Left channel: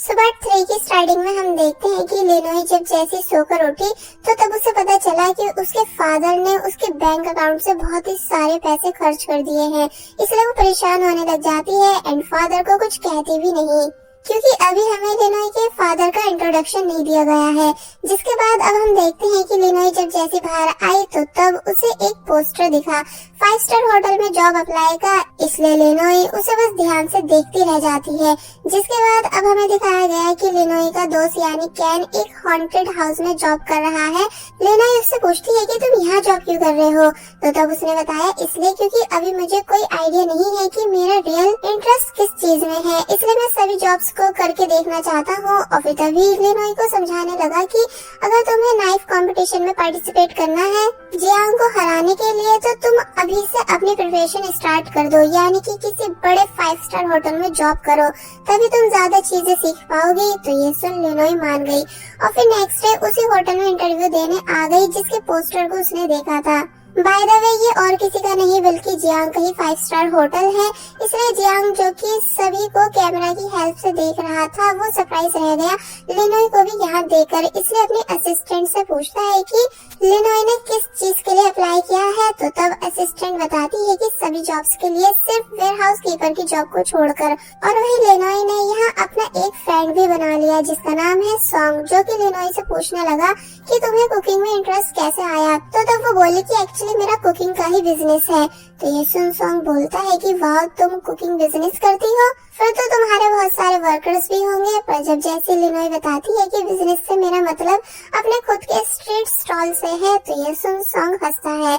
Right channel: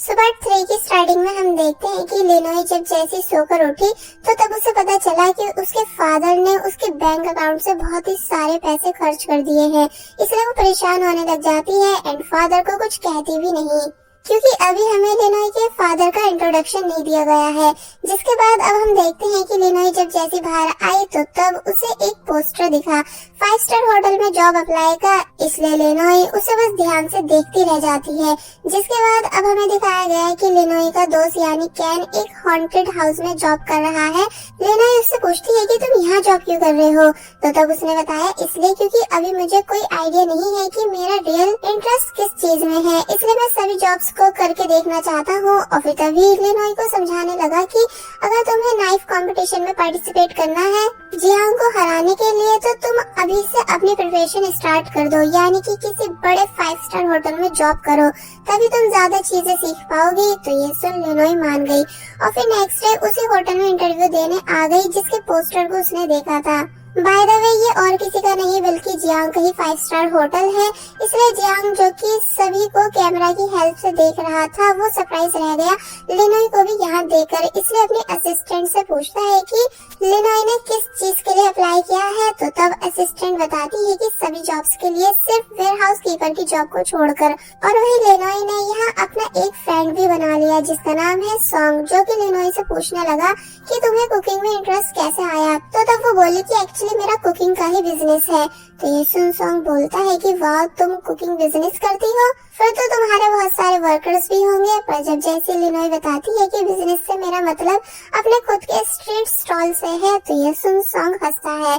सुबह 3 की स्टार्टिंग में हम देखते हैं कि लिनोई जब जैसे सोकर उठी तो तब उसे पता चला कि उसके फादर ने उसके बैंक अकाउंट से बहुत ही सारे पैसे खर्च कर दिए हैं। इसलिए वो परेशान होने लग जाती है एंड फादर को कुछ कहती भी नहीं, क्योंकि अभी हमें लिनोई के फादर का इंट्रोडक्शन नहीं दिया गया है। जिसके बाद अब हम देखते हैं कि लिनोई जब जैसे बाहर आई तो तब उसे एक पोस्टर दिखा 5 स्टार होटल में जॉब अप्लाई का। इसलिए लिनोई उसे बस ध्यान से देखती रह जाती है। जिसके बाद अब हमें दिखाया गया है कि लिनोई का दोस्त यानी कैन एक हॉन्टेड हाउस में जॉब कर रहा है। लिनोई उससे पूछती है कि तुम यहाँ जॉब क्यों कर रहे हो, तो तब उसने बताया इसलिए क्योंकि अभी मुझे कोई आइडिया नहीं है कि मेरा रियल इंटरेस्ट किस चीज में है, इसलिए मैं सभी जॉब्स को करके देखना चाहता हूँ। और फिर तभी लिनोई को समझाने लगा कि अगर तुम्हें नाइफ कंपटीशन में पार्टिसिपेट करना है जियांग को हराने के लिए, तो तुम अभी से अपनी प्रिपरेशन स्टार्ट कर दो, यानी कि किसी बड़े 5 स्टार होटल में जॉब करो, तभी तुम ज्यादा चीजें सीख पाओगी। तो ये सुन लिनोई मान गई और फिर नेक्स्ट डे उसी होटल में इंटरव्यू देने आ गई जिसके पोस्टर को उसने देखा था। बाय द वे ये और किसी का नहीं बल्कि जियांग का ही 5 स्टार होटल है। इसलिए जियांग जो कि सभी को कैमरा की हेल्प से देख रहा था वो सरप्राइज रह गया लिनोई को भी यहाँ देखकर। इसलिए अपने असिस्टेंट से पूछता है कि लिनोई ने किस चीज के लिए अप्लाई किया है, तो तब असिस्टेंट बताती है कि सभी जॉब्स के लिए सिर्फ वेयर हाउस कीपर की जॉब को छोड़कर। और वही लिनोई ने यहाँ अपना एक फ्रेंड भी बना लिया जिसका नाम है सॉन्ग, जो कि लिनोई से पूछने लगा कि तुम्हें कुकिंग में इंटरेस्ट कैसे आया। तो तब वो बोली कि एक्चुअली मेरा कुकिंग का ही बिजनेस है। तो ये सुन सॉन्ग बोलता है कि वाह तुम कुकिंग बिजनेस करती हो, फिर तो तुम्हारे बहुत सारे वर्कर्स भी होंगे। पर जब जैसे लिनोई बताती है कि बिजनेस से मेरा मतलब अपने खुद के स्ट्रीट स्टॉल से है, तो ये सुन सॉन्ग हंसता है।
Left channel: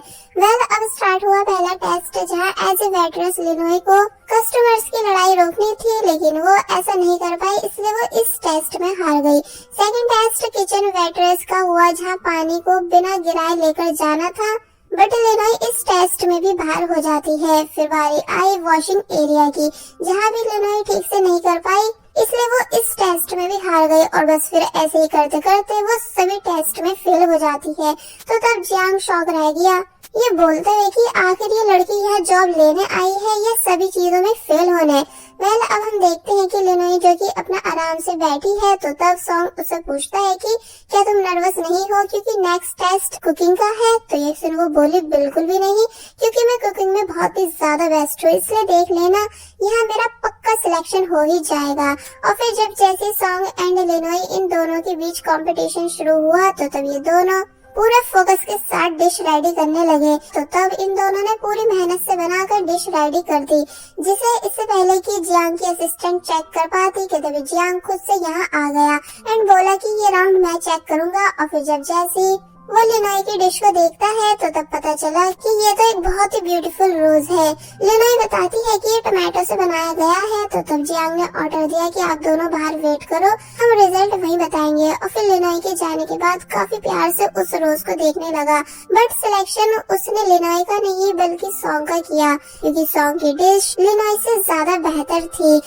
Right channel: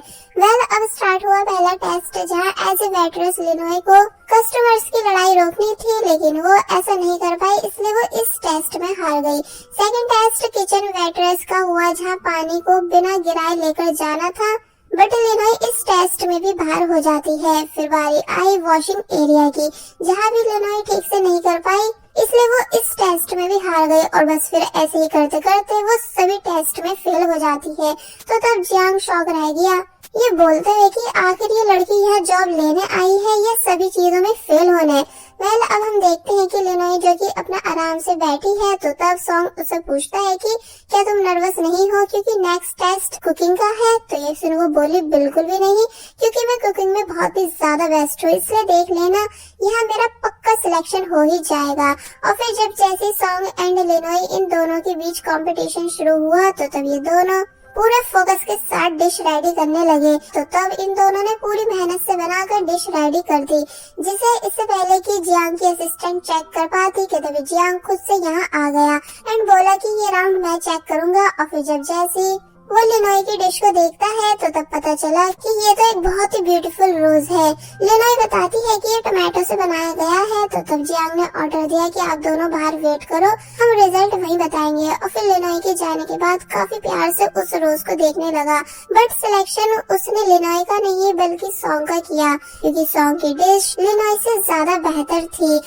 अब स्टार्ट हुआ पहला टेस्ट जहाँ एज ए वेट्रेस लिनोई को कस्टमर्स की लड़ाई रोकनी थी, लेकिन वो ऐसा नहीं कर पाई, इसलिए वो इस टेस्ट में हार गई। सेकंड टेस्ट किचन वेट्रेस का हुआ जहाँ पानी को बिना गिराए लेकर जाना था, बट लिनोई इस टेस्ट में भी बाहर हो जाती है। फिर बारी आई वॉशिंग एरिया की, जहाँ भी लिनोई ठीक से नहीं कर पाई, इसलिए वो इस टेस्ट में भी हार गई। और बस फिर ऐसे ही करते करते वो सभी टेस्ट में फेल हो जाती है। तो तब जियांग शॉक रह गया, ये बोलते हैं कि आखिर ये लड़की यह जॉब लेने आई है या सभी चीजों में फेल होने। अब हम देखते हैं कि लिनोई जो कि अपना आराम से बैठी है, तो तब सॉन्ग उसे पूछता है कि क्या तुम नर्वस नहीं हो क्योंकि नेक्स्ट टेस्ट कुकिंग का है। तो ये सुन वो बोली बिल्कुल भी नहीं, क्योंकि मैं कुकिंग में बहुत ही ज्यादा बेस्ट हूँ, इसलिए देख लेना यहाँ मेरा पक्का सिलेक्शन हो ही जाएगा। और फिर जब जैसे सॉन्ग एंड लिनोई इन दोनों के बीच कंपटीशन शुरू हुआ, तो तब ये दोनों पूरे फोकस के साथ डिश रेडी करने लगे। तो तब इन दोनों ने पूरी मेहनत से बनाकर डिश रेडी कर दी, जिसे इससे पहले कि जियांग की असिस्टेंट चेक कर पाती कि तभी जियांग खुद से यहाँ आ गया एंड बोला कि ये राउंड मैं चेक करूंगा। और फिर जब जैसे वो लिनोई की डिश को देखता है तो तब पता चला कि ये तो एक बहुत ही ब्यूटीफुल रोज है। लिनोई बताती है कि ये टमाटो से बनाया गया है। तो तब जियांग ने ऑर्डर दिया कि आप दोनों बाहर वेट करो, हम रिजल्ट वही बताएंगे। और फिर लिनोई के जाने के बाद काफी प्यार से उस रोज को देखने लगा, बट सिलेक्शन उसने लिनोई का नहीं बल्कि सॉन्ग का किया, क्योंकि सॉन्ग की डिश लिनोई से ज्यादा बेहतर थी।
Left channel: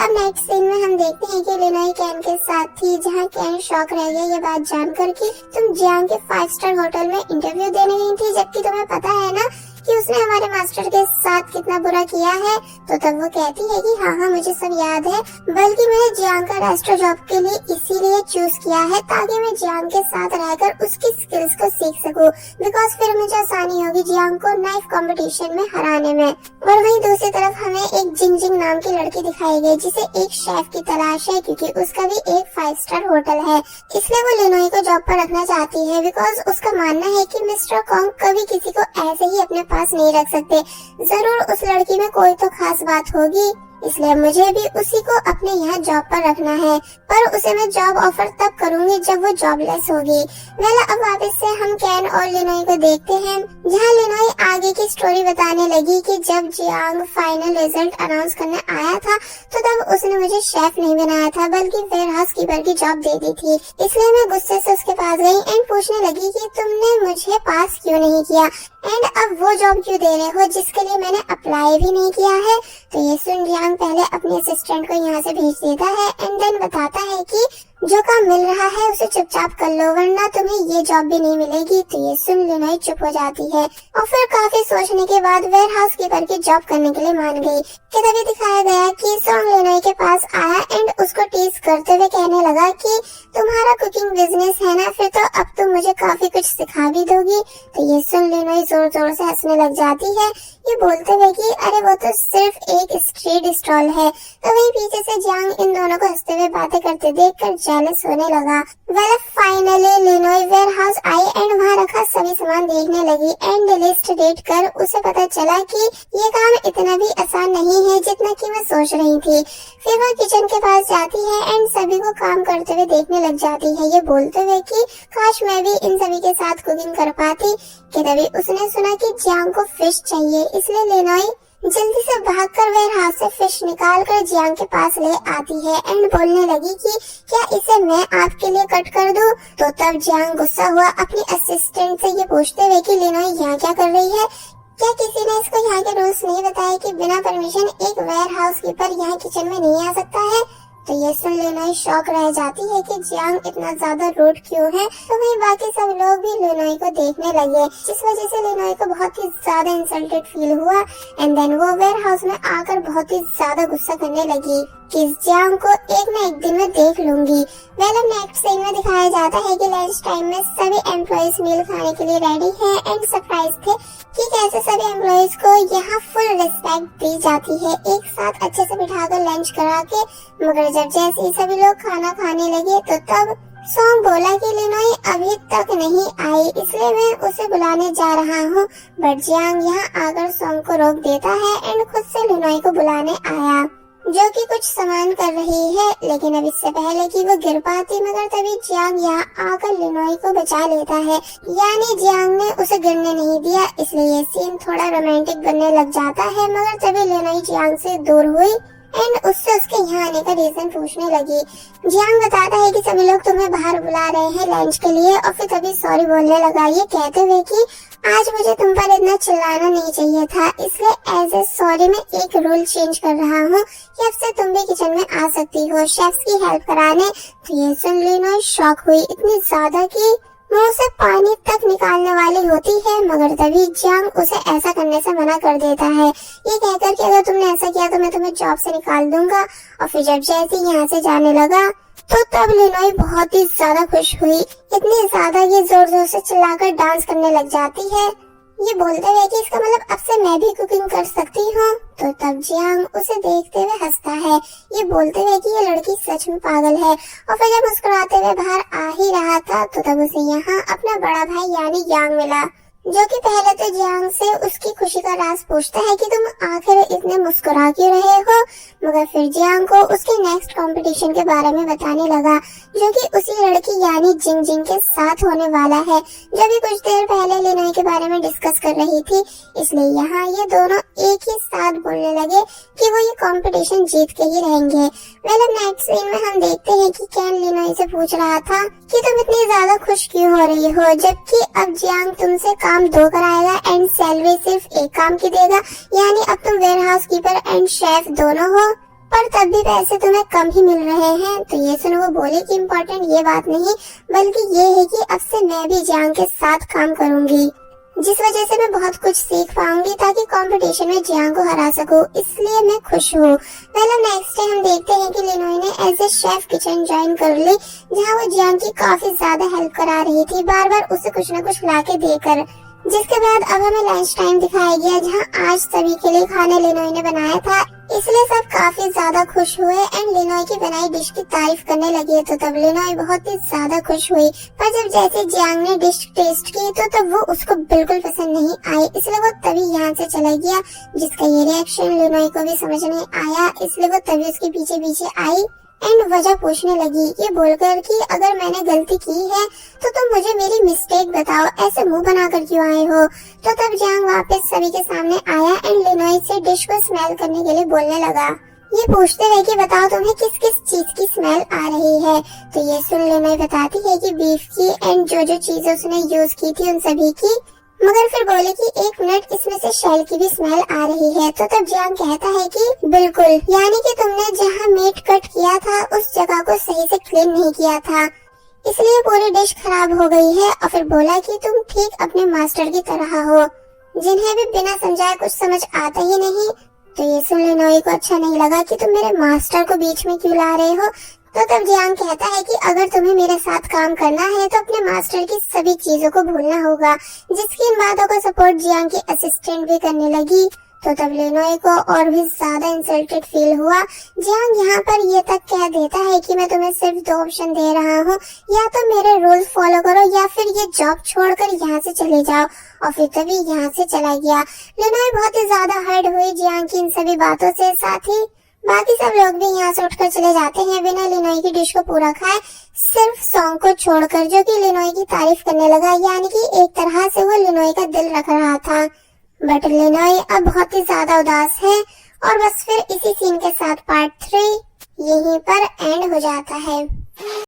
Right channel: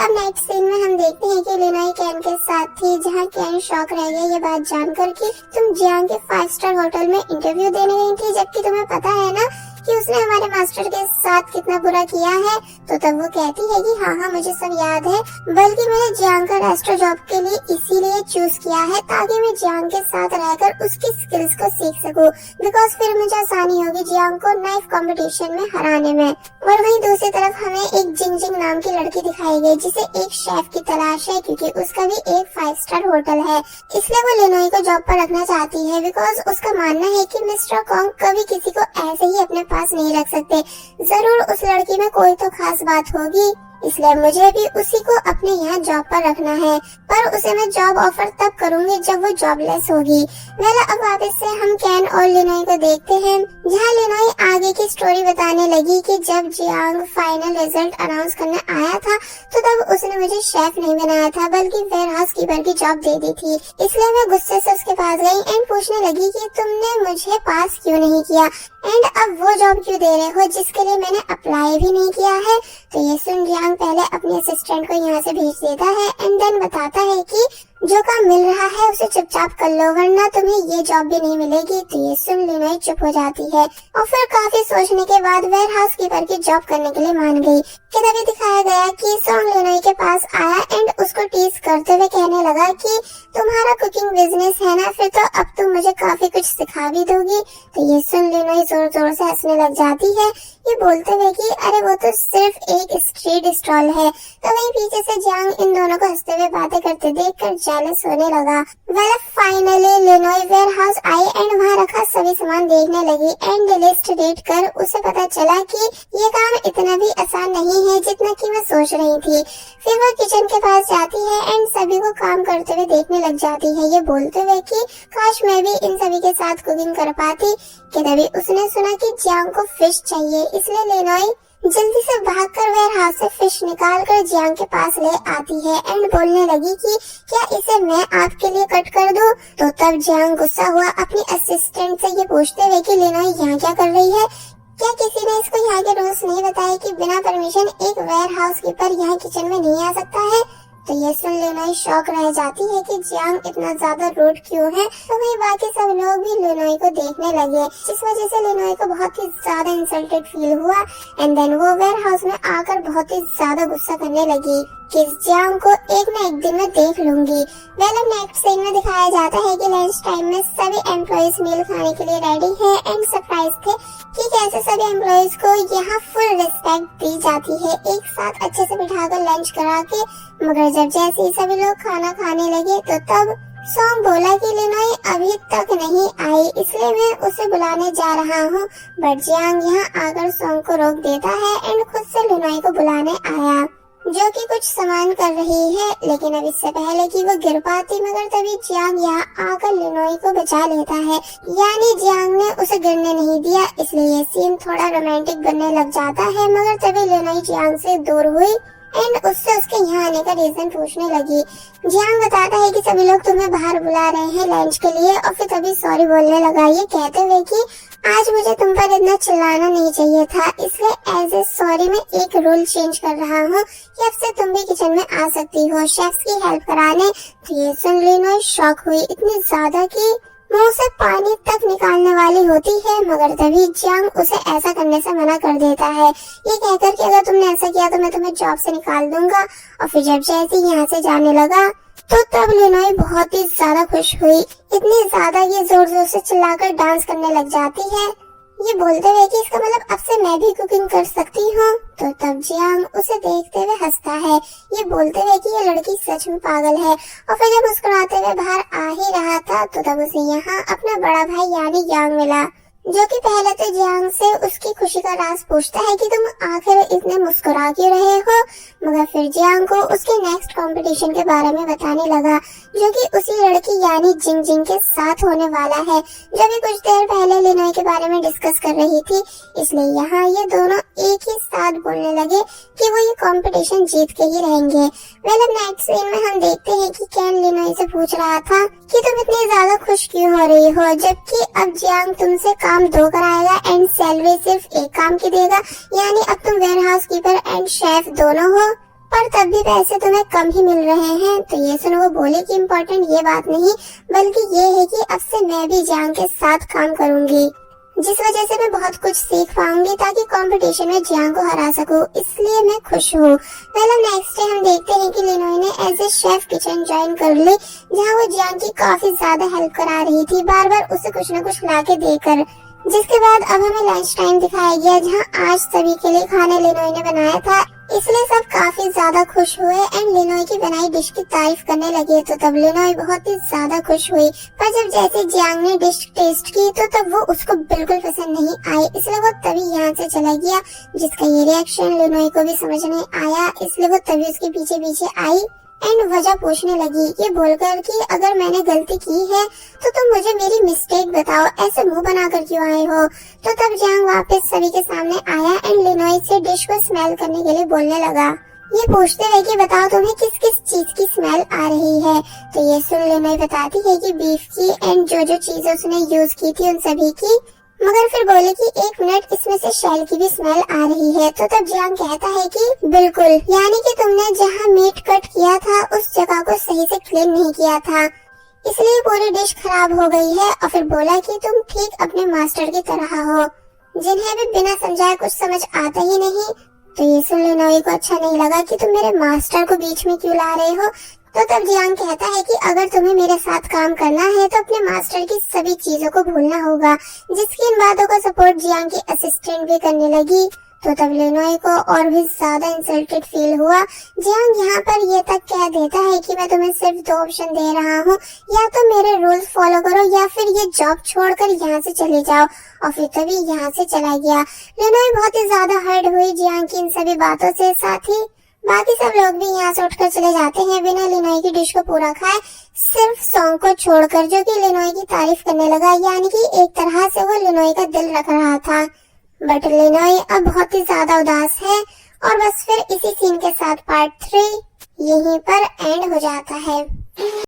अब नेक्स्ट सीन में हम देखते हैं कि लिनोई कैन के साथ थी, जहाँ कैन शॉक रह गया ये बात जानकर कि तुम जियांग के 5 स्टार होटल में इंटरव्यू देने गई थी, जबकि तुम्हें पता है ना कि उसने हमारे मास्टर के साथ कितना बुरा किया है। तो तब वो कहती है कि हाँ मुझे सब याद है, बल्कि मैंने जियांग का रेस्टो जॉब के लिए इसीलिए चूज किया है ताकि मैं जियांग के साथ रहकर उसकी स्किल्स को सीख सकूं, बिकॉज फिर मुझे आसानी होगी जियांग को नाइफ कंपटीशन में हराने में। और वहीं दूसरी तरफ हमें एक जिंजिंग नाम की लड़की दिखाई गई जिसे एक शेफ की तलाश है, क्योंकि उसका भी एक 5 स्टार होटल है, इसलिए वो लिनोई को जॉब पर रखना चाहती है, बिकॉज उसका मानना है कि मिस्टर कॉन्ग कभी किसी को ऐसे ही अपने पास नहीं रख सकते, जरूर उस लड़की में कोई तो खास बात होगी, इसलिए मुझे भी उसी को अपने यहाँ जॉब पर रखना है। पर उसे मैं जॉब ऑफर तब करूंगी जब वो जॉबलेस होगी। अब वापस से हम कैन और लिनोई को देखते हैं, जहाँ लिनोई आगे की स्टोरी बताने लगी कि जब जियांग फाइनल रिजल्ट अनाउंस करने आया था तो तब उसने मुझे शेफ नहीं बनाया था बल्कि वेयर हाउस कीपर की जॉब दे दी थी। इसलिए मैं गुस्से से उसके पास गई एंड पूछने लगी कि तुमने मुझे पास क्यों नहीं किया एंड अब वो जॉब क्यों दे रहे हो जिसके लिए मैंने अप्लाई भी नहीं किया है। तो ये सुन जियांग पहले अपने असिस्टेंट को यहाँ से भेज देता है एंड देन बताता है कि जो काम मिल रहा है उसे चुपचाप कर लो वरना तुम्हें ये जॉब भी नहीं मिलेगी। तो ये सुन लिनोई चुप हो जाती है और फिर काफी सोचने के बाद वेयर हाउस कीपर की जॉब करने के लिए मान गई। कि तभी दिखाया गया कि सॉन्ग लिनोई के पास आया एंड उसको टीज करते हुए कहने लगा कि तुम्हारा कुकिंग बिजनेस है ना, फिर तो अब तुम मुझे काफी कुछ सिखा भी दोगी। तो ये सुन लिनोई जोर जोर से हंसने लग जाती है, ये बोलते हुए कि अरे वो तो सिर्फ एक स्ट्रीट स्टॉल है। तो वही पीछे से जियांग इन दोनों को हंसते हुए बातें करते देखकर जेलस होने लगा। वेल फाइनली लिनोई वेयर हाउस आई एंड वहाँ रखा सभी सामान देखने लगी एंड लिस्ट रीड कर उसे पता चला कि ये काम इतना भी आसान नहीं है जितना कि मैं सोच रही थी। फिर वो किचन के पास जाती है एंड सभी को काम करते हुए देखने लग जाती है, ये बोलते हुए कि काश मैं भी इन सभी के साथ कुकिंग कर पाती। कि तभी उसने सुना कि जियांग को फिश चाहिए, इसलिए लिनोई जल्दी से भागकर वेयर हाउस से फिश निकाल कर जियांग के पास ले आती है एंड बोलने लगी कि क्या इसे मैं आपके लिए कट कर दूं। तो तब जियांग गुस्सा हुआ अपनी असिस्टेंट से ये पूछते हुए कि लिनोई यहाँ क्या कर रही है, क्या किसी ने इसको यहाँ के रूल्स नहीं बताए कि बिना परमिशन एक वेयर हाउस कीपर यहाँ किचन में नहीं आ सकता है। तो ये सुन लिनोई शॉक रह जाती है कि जियांग इतना ज्यादा रूड क्यों है। तो वही बाकी सब लोग भी लिनोई को देखने लगे, जिस वजह से लिनोई को बहुत ही ज्यादा इंसल्टेड फील हुआ एंड देन वो वेयर हाउस में आकर बहुत ही ज्यादा गुस्सा करने लगी कि जियांग को एक न एक दिन में देख लूंगी। वेल नेक्स्ट सीन में दिखाया जाता है कि लंच टाइम में सभी एम्प्लॉइज मील खाने के लिए रेडी है एंड सरप्राइज थे कि कैसे सभी एम्प्लॉइज को यहाँ फुल रिस्पेक्ट दी जाती है, एक साथ अच्छे से बिठाकर लंच करा के। मगर जब जैसे ही सभी लोग खाना खाने लगे तो तब सॉन्ग बोला कि लिनोई अभी तक नहीं आई, इसलिए मैं उसे बुलाने जा रहा हूँ। बट जियांग यहाँ आकर सॉन्ग को रोक देता है एंड खुद से लिनोई को बुलाने आया, जो कि कुछ सामान कर रही है। लेकिन अब इससे पहले कि वो गिर पाती मगर तभी जियांग यहाँ आकर लिनोई को बचा लेता है, यानी जियांग ने उसे गिरने नहीं दिया। इसलिए ये सीन थोड़ा रोमांटिक बनने लग जाता है। मगर तभी लिनोई जियांग से दूर हुई एंड उससे उसके यहाँ आने का रीजन पूछने लगी। जियांग बताता है कि सभी लोग तुम्हें बाहर बुला रहे हैं लंच के लिए और फिर तभी सॉरी बोलने लगा, ये कहते हुए कि आज मुझे तुम पर इतना चिल्लाना नहीं चाहिए था, इसलिए एज ए सॉरी मैं एक रूल चेंज कर रहा हूँ कि अब से तुम भी किचन में आ सकती हो शेफ्स की हेल्प कराने। तो ये सुन लिनोई शॉक हुई इतनी ज्यादा कि मुंह से पानी तक निकालने वाली होती है। मगर तभी जियांग उसे ऐसा करने से मना कर देता है, ये कहकर कि अगर तुमने ऐसा किया तो मैं तुम्हें जॉब से निकाल दूंगा। और फिर जब जैसे यहाँ से जाने लगा तो तब लिनोई बहुत ही ज्यादा खुश हुई, इतनी ज्यादा ये जोर जोर से चिल्लाकर डांस करने लग जाती है, ये बोलते हुए कि इसका मतलब अब से मैं भी कुकिंग कर सकती हूँ। तो तब जियांग उसे देखते हुए हंसता है, ये बोलते हुए कि ये लड़की सच में पागल है। और फिर जब मुस्कुराते हुए बाहर आ ही रहा था तो तब उसे यहाँ अपना बड़ा भाई यानी यांग मिला, जो कि पहले तो जियांग से उसकी खुशी का राज पूछता है कि तुम आखिर इतने मुस्कुरा क्यों रहे हो। मगर फिर जियांग को उसके नेक्स्ट कंपटीशन के बारे में बताने लगा, जो कि उसी लड़की यानी जिंग जिंग के साथ होने वाला है, जो भी कुछ देर पहले लिनोई के बारे में डिस्कस कर रही थी। इसलिए यहाँ ये दोनों एक ही साथ बोलने लगे कि वो ये कंपटीशन जीत के ही रहेंगे। वेल नेक्स्ट सीन में हम देखते हैं कि कैन लिनोई से पूछ रहा था कि तुम इतनी ज्यादा खुश क्यों हो रही हो, जबकि अब जियांग तुमसे काम 2 कराएगा एंड सैलरी सिर्फ 1 काम की देगा, यानी अब तुम warehouse keeper and chef दोनों हो, पर तब भी पैसे तुम्हें कम ही मिल रहे हैं। तो ये सुन वो बोले कि इम्पोर्टेंट ये बात नहीं बल्कि ये है कि अब से मैं भी जियांग के साथ काम करूंगी, जिस वजह से मैं बहुत कुछ सीख पाऊंगी ताकि कंपटीशन में जियांग को हरा सकूं, इसलिए मैं खुश हूँ। पहले नेक्स्ट डे हम देखते हैं कि लिनोई ने as a chef kitchen join कर ली, जहाँ वो जियांग की काफी ज्यादा हेल्प करा रही थी, बार बार उसे कुछ न कुछ ला के देकर। जिसके बाद अब हमें लंच टाइम दिखाया गया, जहाँ आज सभी के लिए खाने लिनोई ने बनाया था, इसलिए सब काफी ज्यादा खुश हुए एंड लिनोई की बनाई डिश की तारीफ करने लगे। तो तब लिनोई बहुत ही ज्यादा खुश हुई, पर जब जैसे जियांग ने डिश टेस्ट की तो तब वो उसको बिल्कुल पसंद नहीं आई, इसलिए वो तभी यहाँ से चला गया, जिसका ये रिएक्शन लिनोई को भी समझ नहीं आया, इसलिए वो तभी उसके पीछे पीछे आई एंड वजह पूछने लगी, ये बोलकर कि अगर मैंने गलती की है तो तुम मुझे मेरी मिस्टेक बताओ, ऐसे मुंह बनाकर क्यों आए हो। तो तब जियांग वापस सभी के सामने आया एंड लिनोई से डिश को स्मेल करने के लिए बोलने लगा, ये पूछते हुए कि बताओ तुम्हें किस किस चीज की स्मेल आ रही है। तो ये सुन लिनोई बताती है कि बीफ की एंड जो जो चीजें उसने यूज की थी उन सभी की। मगर फिर बोले कि 1 मिनट, इसमें से शेल की भी स्मेल आ रही है। तो तब जियांग कहता है कि बिल्कुल, यानी कि तुमने जहाँ मीट कट किया था उस जगह को सही से क्लीन नहीं किया था, इसलिए पूरी डिश खराब हो गई है। और फिर बोला कि तुम ठीक अपने मास्टर की तरह हो, जिन्हें भी बिना समझाए कुछ समझ आता ही नहीं। तो ये सुन लिनोई को अच्छा नहीं लगा कि तुम मेरे मास्टर को बीच में क्यों ला रहे हो। तो तब जियांग कहता है कि अगर तुम्हें मेरे साथ काम करना है तो अपने मास्टर की सभी चीजों को भूलना होगा, जिसकी इन बातों का सपोर्ट जियांग की असिस्टेंट भी करने लगी। तो तब लिनोई को और भी ज्यादा इंसल्टेड फील हुआ। जियांग यहाँ पर ये तक कह देता है कि मैं तुम्हें सिर्फ 2 ऑप्शन दे रहा हूँ, या तो मेरे रूल्स फॉलो करो या फिर ये जॉब छोड़कर यहाँ से चले जाओ। और फिर तभी यहाँ से चला गया। लिनोई बहुत ही ज्यादा हर्ट हुई जियांग की इन सभी बातों से। साथ ही बाकी सब लोग भी यहाँ से उठकर चले जाते हैं बिना लिनोई की डिश को पूरा खाए, सिर्फ सॉन्ग को छोड़कर, जो कि लिनोई की तारीफ करने लगा। यानी कि एक तरह से वो लिनोई का दिल रख रहा था। बट लिनोई अब बहुत ही ज्यादा उदास है। और बस फिर इसी सीन के साथ पार्ट 3 यहीं पर एंड हो जाता है।